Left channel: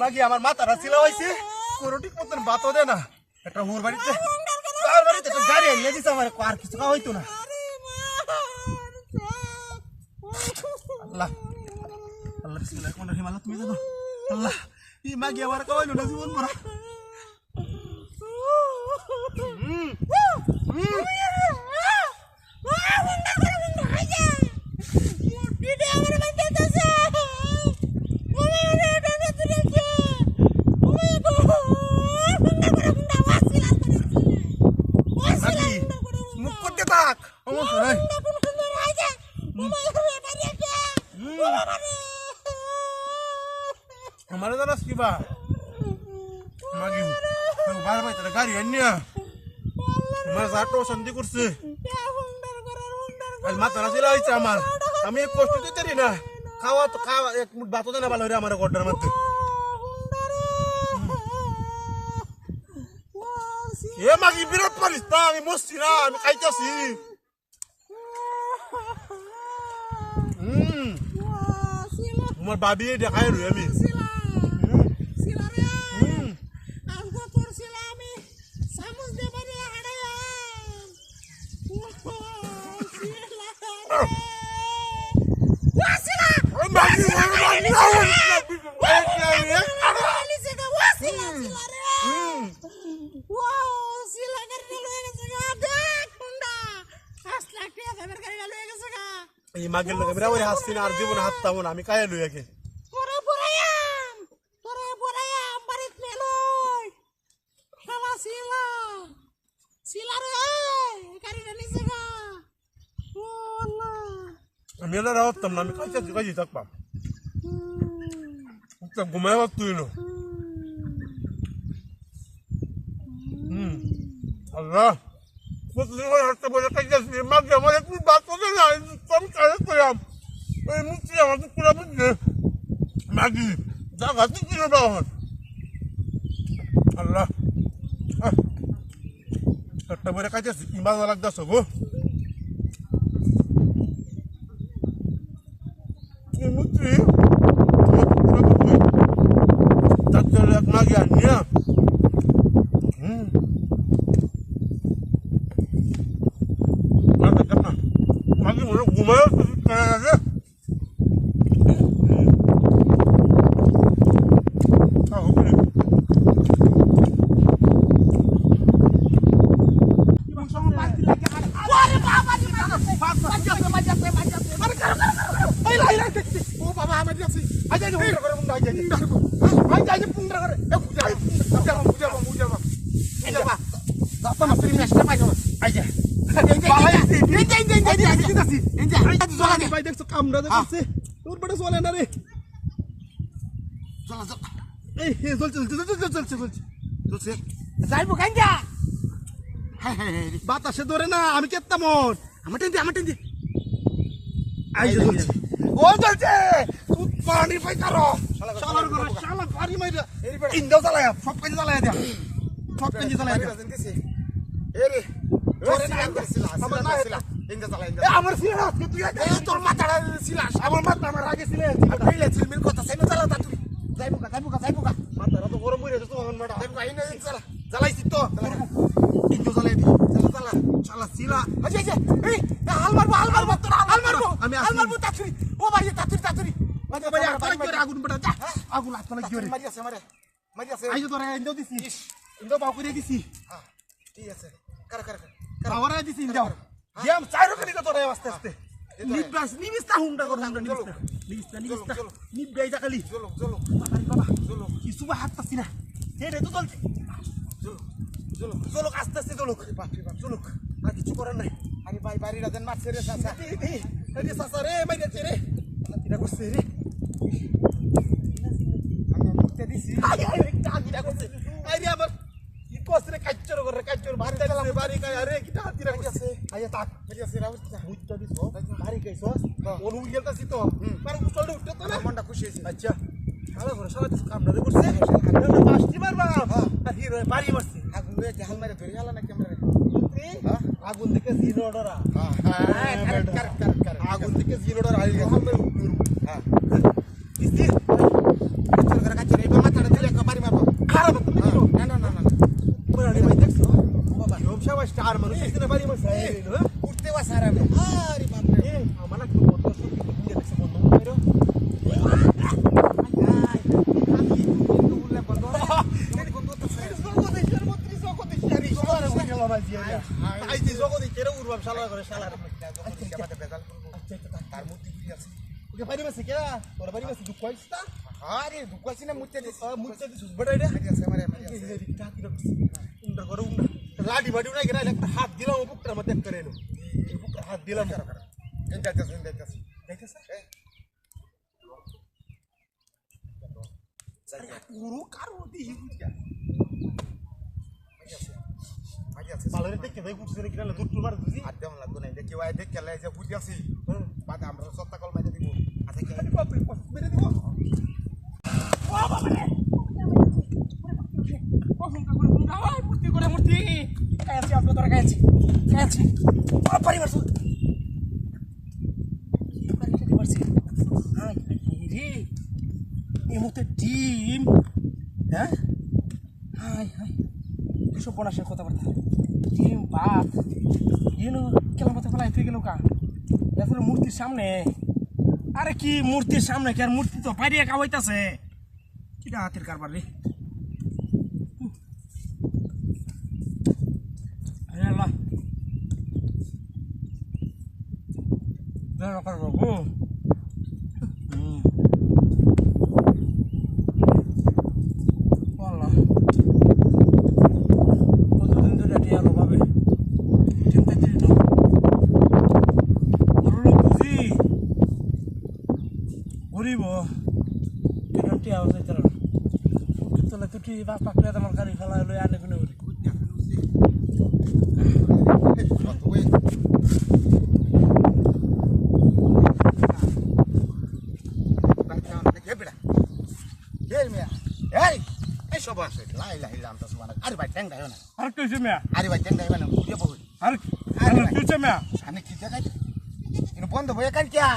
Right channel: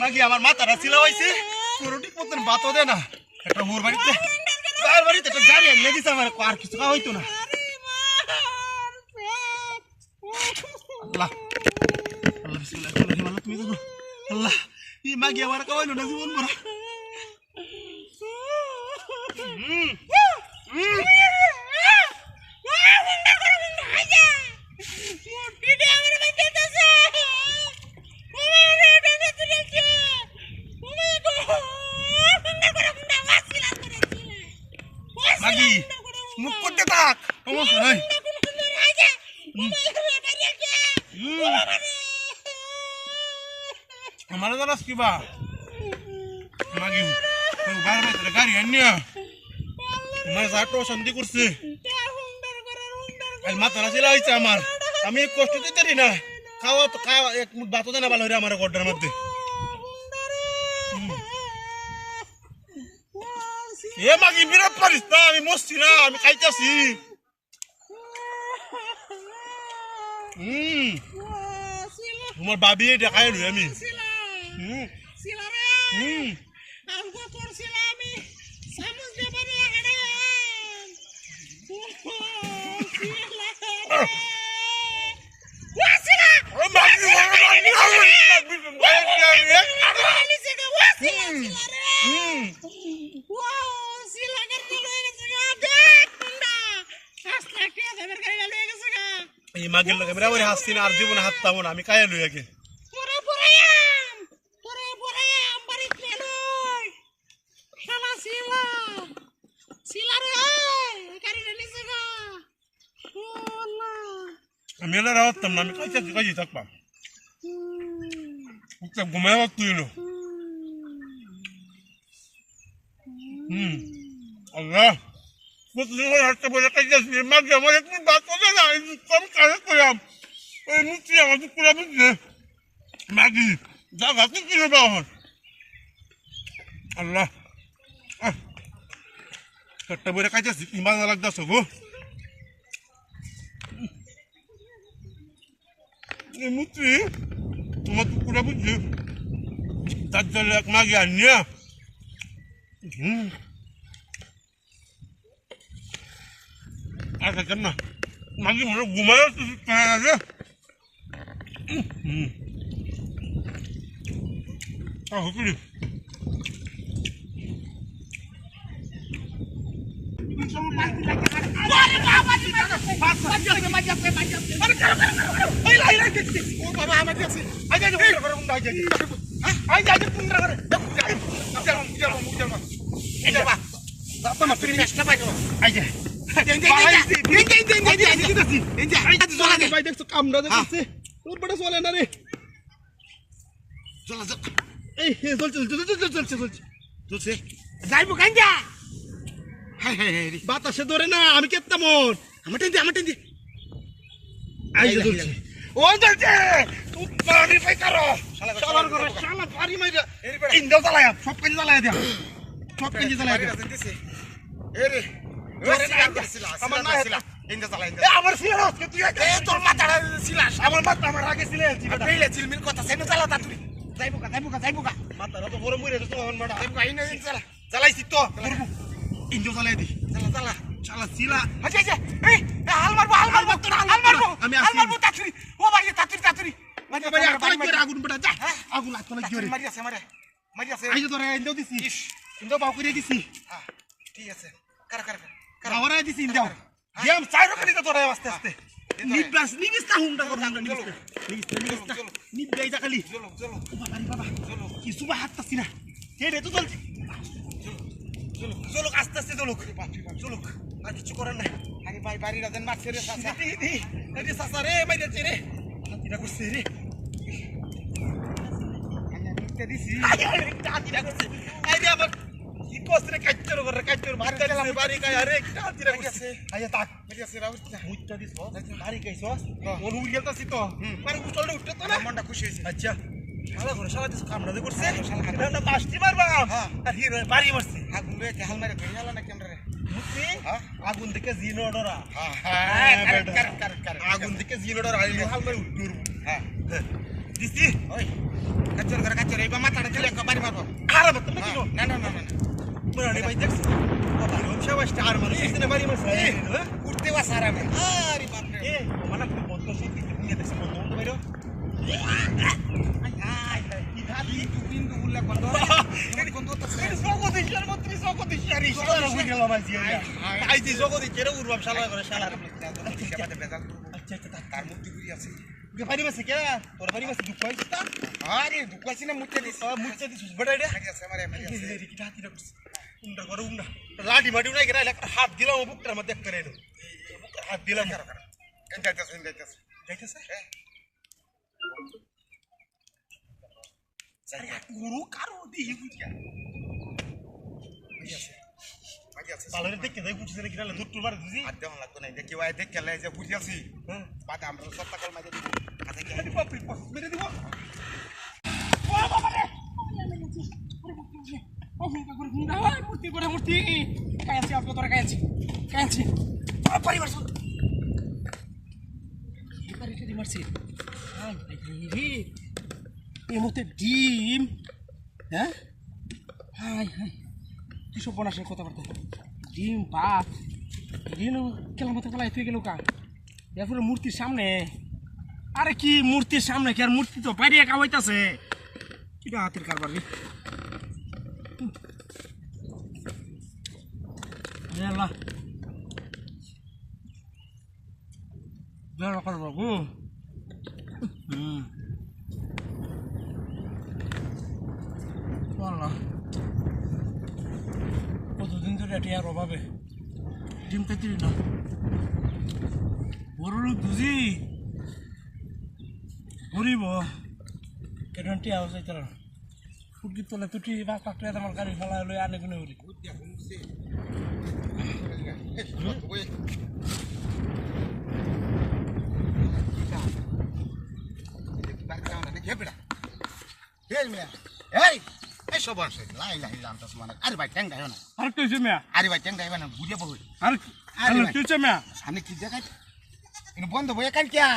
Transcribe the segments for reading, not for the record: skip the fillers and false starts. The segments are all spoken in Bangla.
মাগি আমার মাথাটা ছিলা হয়েছে কোনোটি মতন বাতো দে না একটা ওর বাড়িতে একটা গাড়ি এনে দিছে আমার আর কিছু খাওয়া হইতো না আল্লাহ আল্লাহ বিসমিল্লাহ আল্লাহ তুমি জানো আল্লাহ এই মাগি আমার খাওয়াইলো না জীবন ভরা মুখ করতে থাক সমস্যা নাই আমার জানাস কিবা মাগি গাড়ি আনিয়া আমার যাটো শান্তি করছে মাথাটা ছিল হয়েছে আমার আমি কষ্ট দিতে পারি না খাওয়া তো খাওয়া এক মুঠ ভাতও দেনা ভালো হয়ে আমার গড্ডার মধ্যে এ মাগি বিরাট পারিস না আমি মরছি না আমি খাইতেছি তোমার বাবি দেখাই রই আমি মাগের লোক আমরা ওই হাসছি না আর জীবনে হাততাম না আমি কায়ে লই আগে আমি এলা রাওয়াতাম না আমি কাইছি থাকবাম ঘুমায় তুই এলো আল্লাহ প্রতিদিন হাঁটতে বলে কাইছি মাগে আমার একটু বাদ করে না আমি কাজে করলাম ওই মুক্তি আমার তো পুরা বুঝছে মাগি যা গাছে কিনে পাওয়া আল্লাহ একটা বলে কাইতেছি ইমান লাগতেছ গো মুক্তি তোমার পুরা বুঝছি তার জন্য এক মাগি আনিয়া না মাগি মনে ঘুমায় আছে কামড়া দেখছে তোর বড় চলে না রে চল চল এই চলছে যাইবো গাঞ্জা বাতাসে ধরে না আমি কেত্তা মন আমার টেন দি আই যে চলছে ও চলছে তুই পানি পাই করো শালার করে শালা পানি মাইরা ইন্দাও চালায়া সব কাজ চালায়া দিয়া সব কাজ চালায়া দিয়া এরে ওরে না আমার না হেলা ইন্দা চালায়া ইন্দা আমার সিলাস কে তুই এ তোর মাথাটা সিলাস আমার মাথা আমার আগে সিলাস পেলে চিলমিল কথা সেনে চালা তা তুই যাইবো কা মাথাটা তো গরম হইরে তো আমার মাথা যাইবো আইনা চালা চালাইছি তো ইন্দা চালায়া দি চালা শালা সিলা আচ্ছা এই হাল মারবো তোর হাল মারবো আমি হাল মারবো তাছুরি ও ভাই তাছুরি ভাই আগুন পড়া যা আগুন হাত মানে গিয়ে মারি আছে আইজো তোরা ইন্দাও দিছি ইন্দাও বাউ করে দিছি হ্যাঁ ঠিক আছে কর খাওয়ারা দিছি ইন্দাও গেম চাইরো করে তোরা আস্তে আস্তে নিবিস্তা হুন্ডা নিবিস্তা খালি চলো বাবা কিছু বা হাততাছি না হে রে তো চলছে চলো আস্তে আস্তে চলো আর কিছু করার নাই আরে ভাই বাড়ি রাজেন মারছে রে সাসা রে সাসা রে বাইরেছে রে হাতিটা করছে রে আচ্ছা দিছি হাতিটা করছে আইরে আবার কি কসরে কাচ্চর বাড়ি গেলাম বাড়ি কাই আরে একটা হাতিটা করছে আইয়া তাক মেরি আছে রাউটা মুইটা দিছো বাড়ি কাইছস ওর উড় গেলতাছি তো পরে চলতে উঠতে তো না মনটা খুশি হইছে আচ্ছা শালা করে সবাই তো কামড়াতে করছে আমরা পাঁচটি মারবা আর হিরো বাড়ি মারছে আগুন লয়ে কে হাল মারে ধরে আলা না ক্যামেরা হ্যাঁ আগুন থেকে জিনো অর্ডার হ্যাঁ আগুন থেকে জিনো অর্ডার আই হাল মারে উঠুর হ্যাঁ দিছি কাচ্চর করে কাচ্চর এই মাথাটা দিলে বাড়ি মারবো খারাপ তো না না না না পুরানি ভাই দেখছ বাবা রোম সবাই স্টার মানুষ এখানে বাড়ি মারছে উঠতে বা সারা রে আরে বাপ রে মানে বন্ধ সব কিছু নিয়ে দেখছে বন্ধ কইরো খালি কিন্তু উল্লা বন্ধ বন্ধ তো জগদীশ্বর মন্ত্রী জগদীশ্বর শালা হয়ে গেল মাঝি আই দি জগদীশ্বর উরবাম শালা করে শালা বেজাল করবো আচ্ছা আচ্ছা তার মুক্তি ঘুরি আছে ওকে বাড়ি মারছে কে ওর বাড়ি মারছে দুঃখ হইছে তা আরে দুকাইছি না মুক্তি দিস মুচ্চা দিছিস বড়াই রে মারি আছে মারি আছে উন্ডা করে উন্ডা লাঠি মাটি উড়াই গেল একটা হাত দিলাম বুকটার মধ্যে করে এলো বুকটার হাত দিলাম যাইতেছে যাইতেছে হ্যাঁ গুরু কারো দিহি বুঝিয়া মারি আছে পালরে দেখে দেখ উঠছে নাকি না দুধ টুল মারে দিছি আর দেওয়া লাগতো না দেখি ওই দেখে লাই যে বুঝি আছি বাদে আমরা সত্তা কল মারি দিব হাতে কি আরে বাপ রে বাপ মেরে দিব মূর্তি করে মূর্তি কায়াছি আপনি তোরা কায়াছি পরিবার শুন পারছি এই মুহূর্তে ডিম হ্যাঁ হাই হাই কিসব বনাসের কথাবার্তা ডিম ভাত ডিম কেলাম মতো ফেলাই তুই গেল কা এরপরে মূর্তির সামনে আরে কি মূর্তির সামনে কি আর মূর্তি তো বাইরে কামাইতেছে এটা হাতের কারবার রে আল্লাহ জয় করবো গো আল্লাহ কতদিন ধরে এটি আর অভাবে ডিম খাইতে না বড় লোক বুঝি গরিব গ্যারান্টি আওয়াজ হইতে না ফুটকি তোলে তুটি পাঁচ লাখ টাকা আমার গাড়ি ফেলা হলো আনে কোনো করি আরে ভাই ট্যাং দেয় না আর তুই মেয়া আরে ভাই ট্যাং দেয় না বুঝে বহু আর তুই মেয়া আমি কি দেখাই বন্ধ বইয়া কাল কিয়া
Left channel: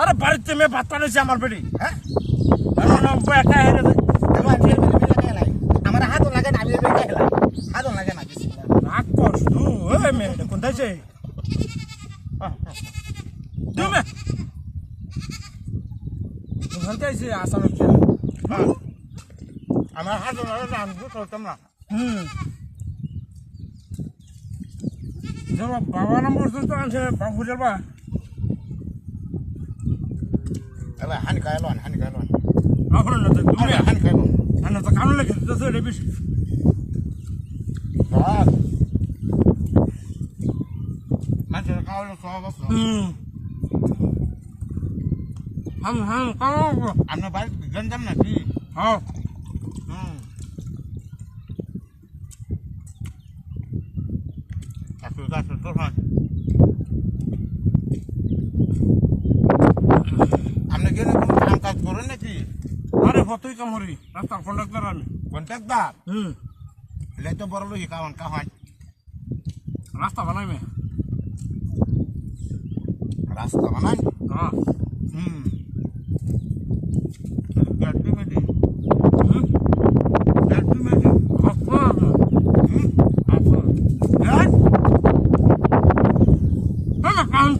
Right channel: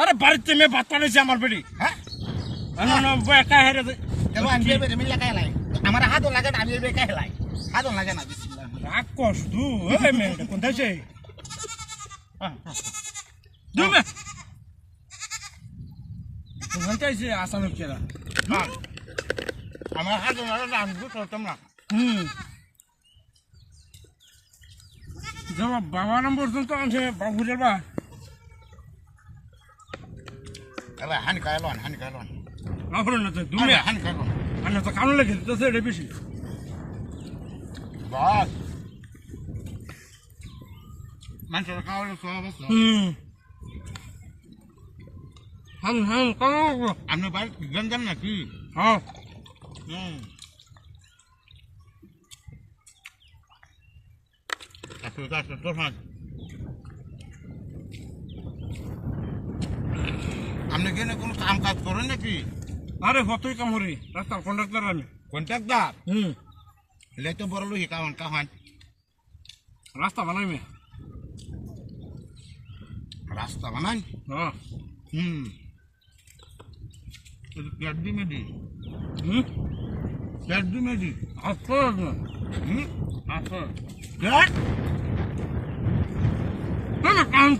আরে বাড়িতে মেয়ে ভাত পানিয়েছে আমার বেটি হ্যাঁ একা হেরে আমার হাতও লাগে না আমি একা হেলাই হাতও লাগে না রাগ কস তু ওই মেয়েটা কোনটা আছে দুমে কোনটা আছে আসামে কি আমার হাতও লাগে না আমি করতাম না যাবা বাবা নম্বর তো আছে বাবু যাবা এবার হানি খাইলন হানি খাইলন আপনার না তো তুমি হানি খাইলন আনা তো কামলে খেতে তো এটা বেশি বাস মানুষের খাওয়ালে খাওয়া বস কামো আপনার বাড়ি গঞ্জাম নাকি হ্যাঁ আপনি গেলে কোনো কাম কাজ করেন নাকি আরে হতই কাম হরি রাস্তার কন্ডাক্টর আমি কন্ট্রাক্টর হুম এলে তো বড় লোক কামান কাহান রাস্তা বানাই মে রাস্তা বানান হ্যাঁ গাড়ি মেডি হুম গাড়ি মেডি আচ্ছা আচ্ছা না কাম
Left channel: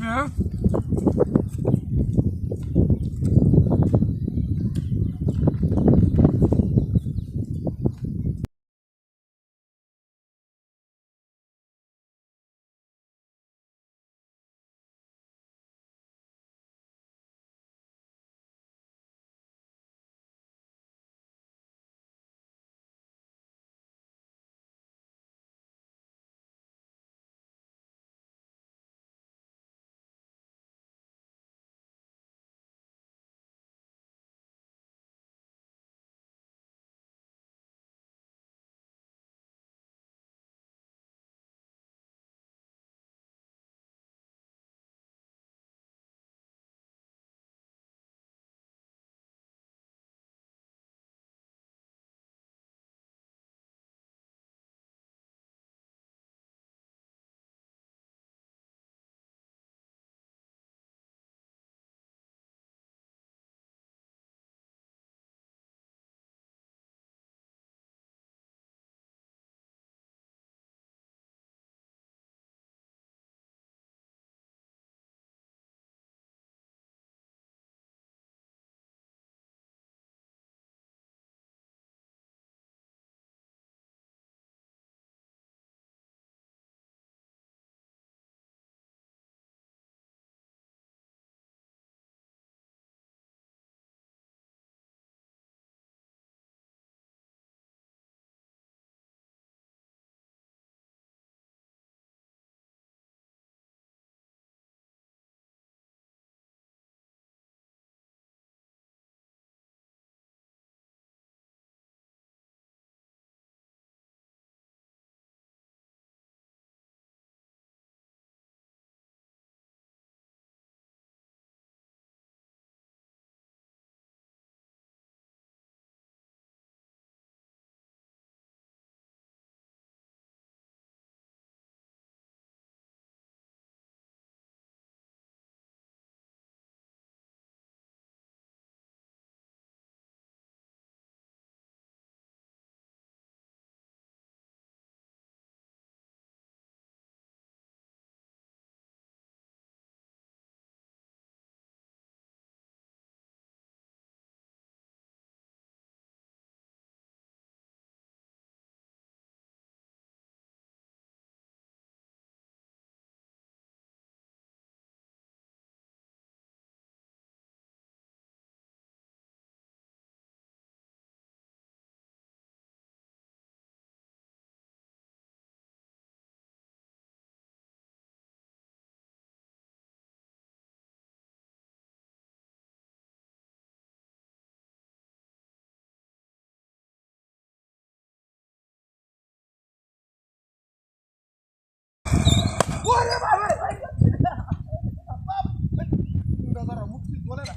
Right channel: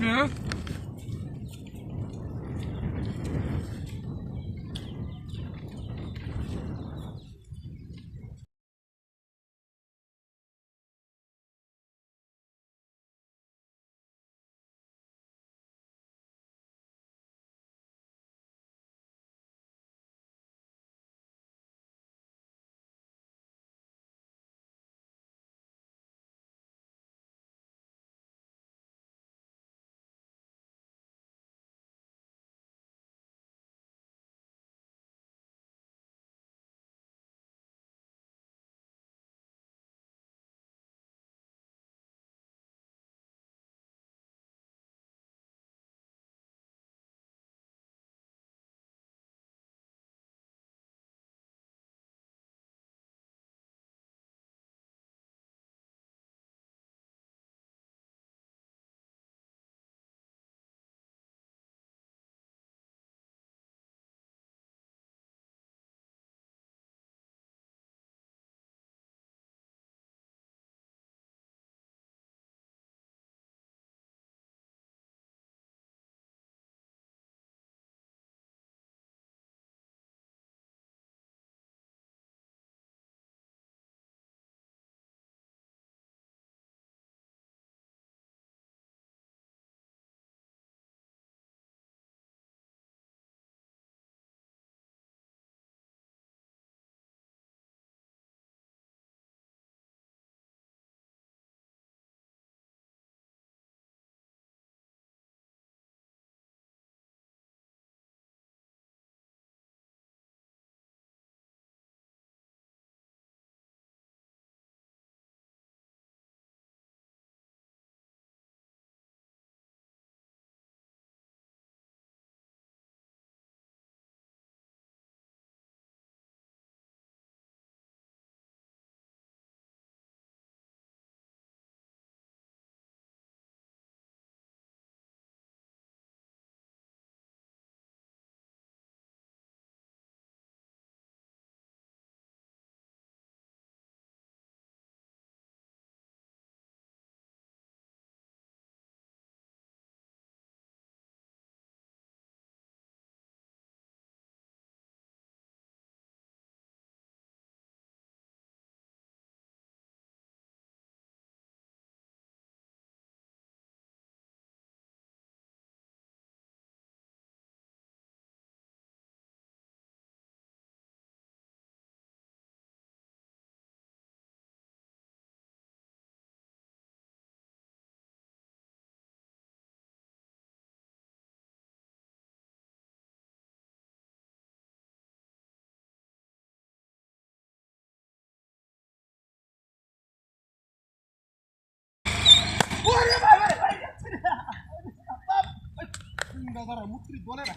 বলে না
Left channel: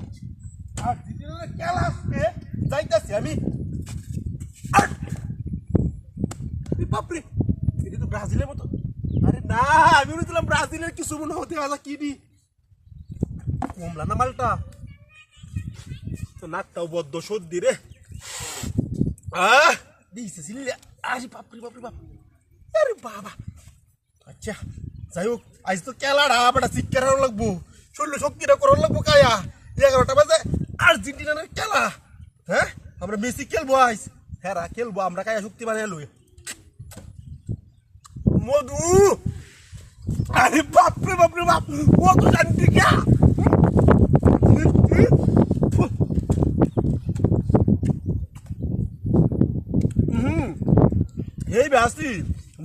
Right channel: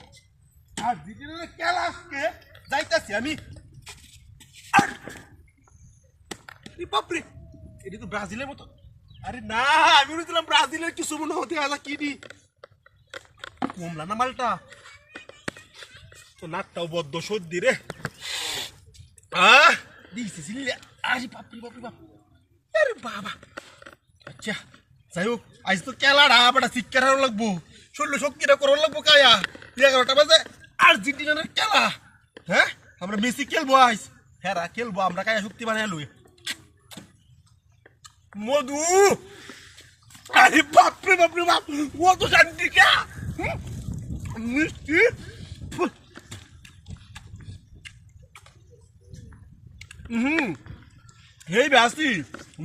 আর দিদির কেলা আজকে যাইতাছি আমি বাপরে এটা তো ব্রাজিলের মতো আরে না আমি বলছিলাম ব্রাজিলের কিছু মনে হতে আলা কি দি কমলা না মালটা তো নাকটাও বদ্ধ সর্দি রে দিয়েছে সিলে আরে বাপরে বাপরে বাপ আরে বাবা আচ্ছা যাই হোক আজ তো কেলাড়া বেটা শিক্ষার লাগবো শরীর শক্তিটা করার লাগবো কায়া 11টা বাজে আর্জেন্টিনার খেলা হ্যাঁ আমরা মেসি খেলবো আইস হ্যাঁ খেলবো আমরা কায়া শক্তি বানিয়ে লই মধু আরে বাপরে বাপরে বাপ মধু জানতি কা মিষ্টি এই বাসি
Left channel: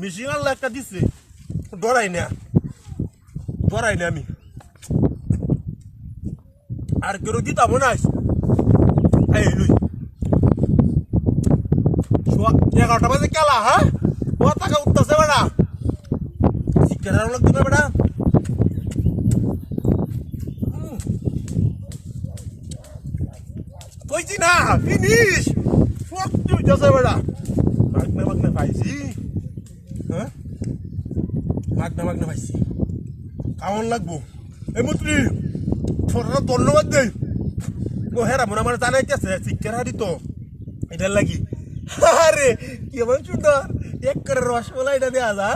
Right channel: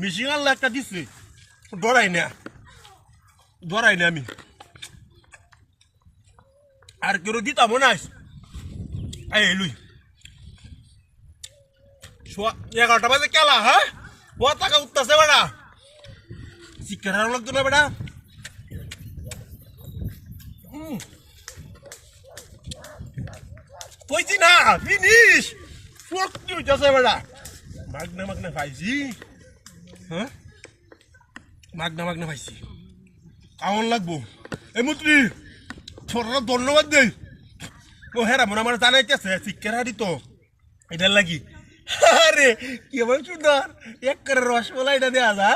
মিশিং আল্লাহ একটা দিছে ডরাই না আমি আর কেউ দিতাম না এই লুই 11টা বাজে খেলা হ্যাঁ ও টাকা উঠতেছে বেটা শিক্ষার লাগতো না বেটা কইছি না ফিনিশ শক্তি হইতেছে বেটা মাগনা পাইছি হ্যাঁ মাগনা পাইছি কেমন লাগবো এই মুত্রি ছোটরা ধন্যবাদ দেই ও হেরা মনে আমার জানাইতেছে শিক্ষার হারি তো এটার লাগি আরে কেমন সুন্দর এক করে রসমালাইটা দেওয়া যা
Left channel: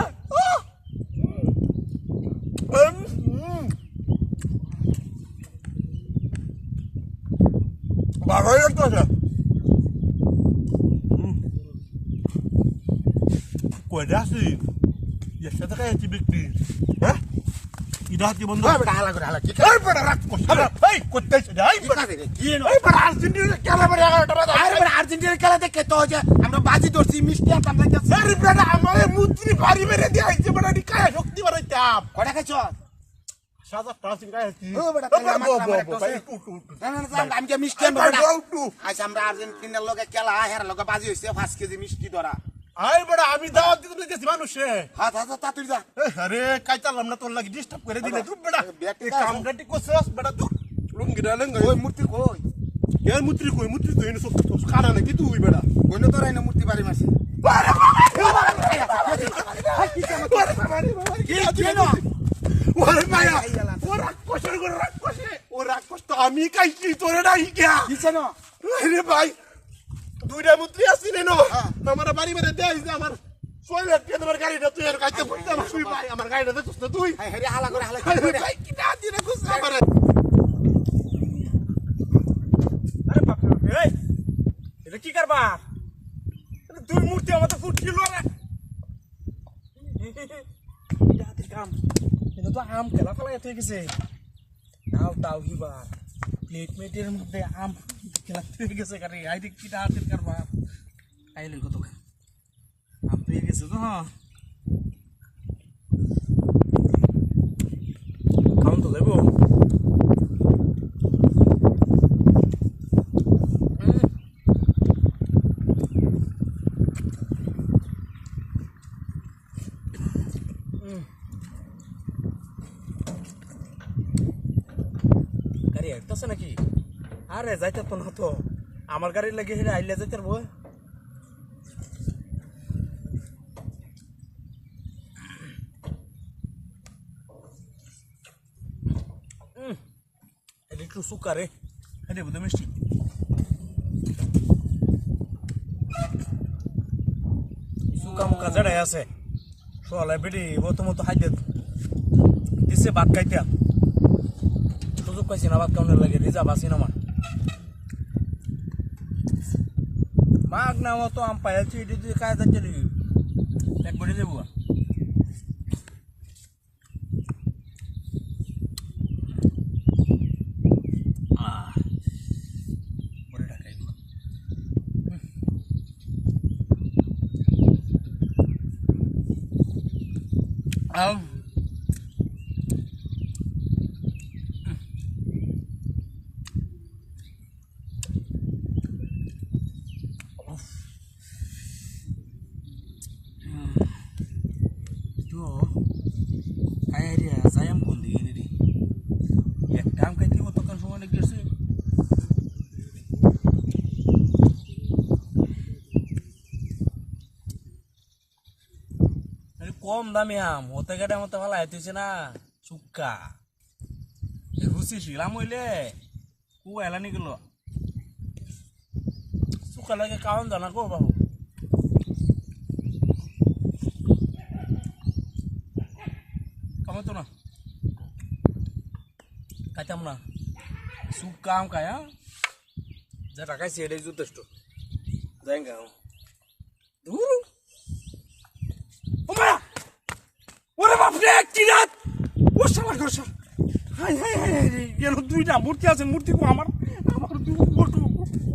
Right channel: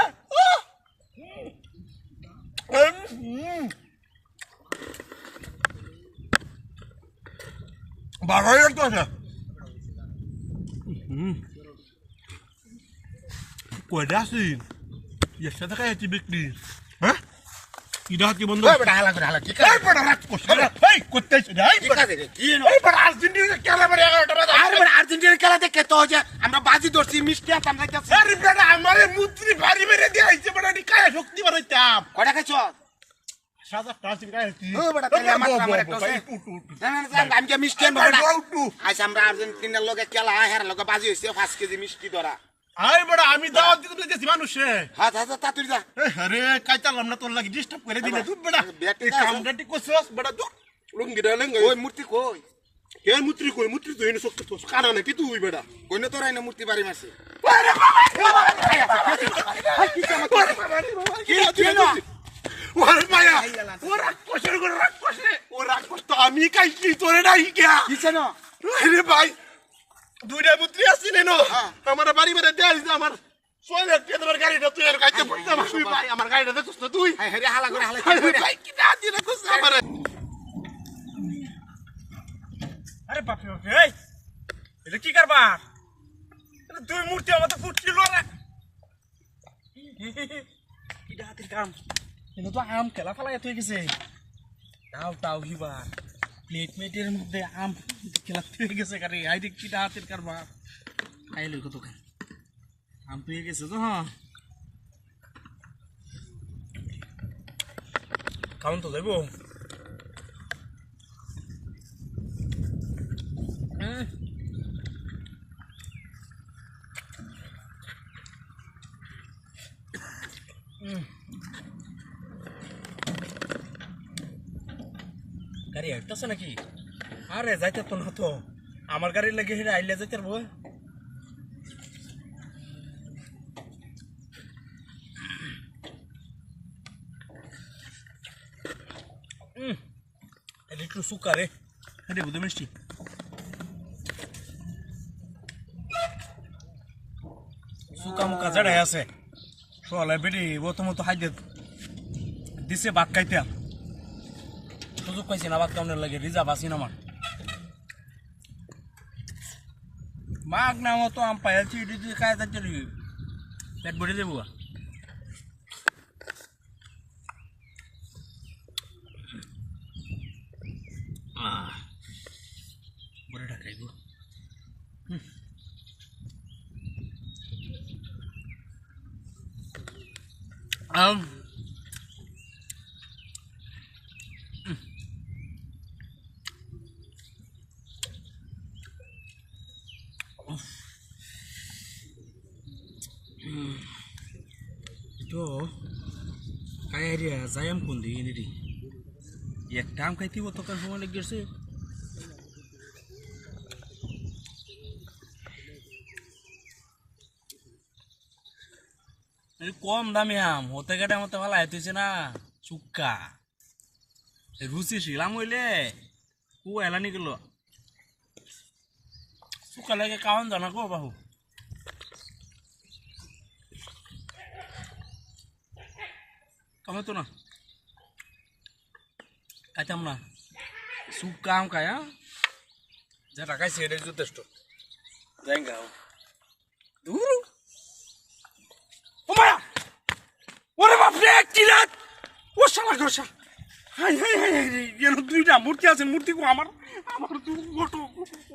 ভালোই লাগতেছে কয়টা আছি এর সাথে খাইছি বিক্রি হ্যাঁ ইডা কি বন্ধ বেটা হালা করে হালা ঠিক এই বড় রাত করছে এই করতেছ এই বড় কি এই বড় আর্জেন্টিনা খেলা বড় 11টা বাজে আরে বেটা আর্জেন্টিনার খেলা দেখে তো যে আমরা বাজি ধরছি মিষ্টি আনতাম না আরে বেটা আমারে মুদ্রি ভারী মেরে দিয়ে আইছে বড় দি কায়া শক্তি বানাইতাম কয়টা খাইছ সাদা প্লাস্টিক কায়া কি ও বেটা তাহলে আমার একটা আছে না আমি কি মিষ্টি আনবো বেটা আজ আমরা আর্জেন্টিনার লগে খেলা হের লগে বাজি হইছে 5 কেজি মিষ্টি ধরা আই বড় আমি দাওয়াত দিতে দিতেছি মানুষে হাত হাত তাড়াতাড়ি যা আরে কাইতালাম না তোর লাগি ডিস্টার্ব করে দিলে তুই বেটা এই কামটা ঠিক করছস বেটা তুই লুঙ্গিটা লেঙ্গ ওই মূর্তি কই এর মুত্রি কই মুত্রি তো এনে শক্তি তো কারণ কি তুই বেটা কইনো তোর আইনা মূর্তি বাড়ি মাসি ওরে মায়া ওরা কষ্ট করে রাক্ষসে ওরা কষ্ট আমি কাইছি তোরে নাই গিয়া কিছে না আরে ভাই দুইটা মুত্রি আসছিল না আমার বাড়ি মেরে দেয়াইছে আমার সোয়েল একটা তোমার গাড়িটা তুই আর কাইতে পড়তে তুই ভাই আমার গাড়িটা দেখছস না তুই হ্যাঁ হালা করে হালা আরে ভাই কি না দিনা কইছ আমারে আরে বাপ রে এই এটা কি করবা এটা দুই মূর্তি আমার তো ফুটছিল রে এটা হাতের কাম এটা তো আম খেলা ফেলা হয়ে গেছে দাও হিবার প্লেট মেটের মধ্যে আম খেলা হয়ে গেছে কারে আই দেখ কিটা হাতের কারবা খাইলে কত খাই আম পেয়ে গেছে তো হ্যাঁ খাওন তো যাবো গাড়ি হাঁটতেছে নাকি আরে যাইতে তো না তো আমার গাড়ি লাগে হেরে আইলে যাইতে পারবো এটা একটু সুকারে এটা বুঝে মিষ্টি সুকা মুখা জড়াই আছে সলে বেটি প্রথমত হাইতে দিছে ভাত খাইতে সুযোগ পাইছি না ভাত খাওয়ানোর লাগে রিজার্ভ আছি না আমার মাগ না মতো আম পাইছি এটি খাই যাচ্ছে পেট ভরে দেবো বড় ঢাকাই গো তো kayak dia sayang pun di ini di ya আম খাইতে তখন সময় লেগে গেছে কম দামি আম হতে গেটে মতো ভালো আইতেছে না চুক্কা রুচি শিলাম হইলে কু এলানি গেল চুক্কা লাগে কারণ জানা গো বাবু কামে তো না খাইতাম না চুক্কা আম খায় যেটা খাইছে এটাই যথেষ্ট যাই গাও দূর ও মায়া ওরে বাপরে কি রাত ও শালা গোসা হাই হাই হাই হাই যেন দুইটা মূর্তি আছে মূর্তি কো আমার আমার দু ওটো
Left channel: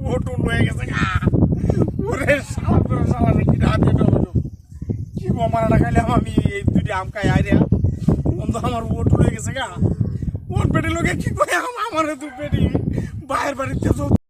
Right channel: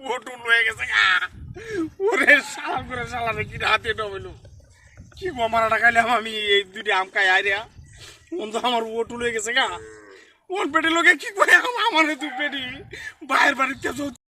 ওটো লয়ে গেছে গা ওরে শালা করে শালা রে কি রাত এটা হলো কি মারাটা খাইলাম আমি এই দুইটা আম খাই আইরে বন্ধু আমার ওটো লয়ে গেছে গা ওর পেটে লোকে কি করে আমার দু পেটি বাইরের বাড়িতে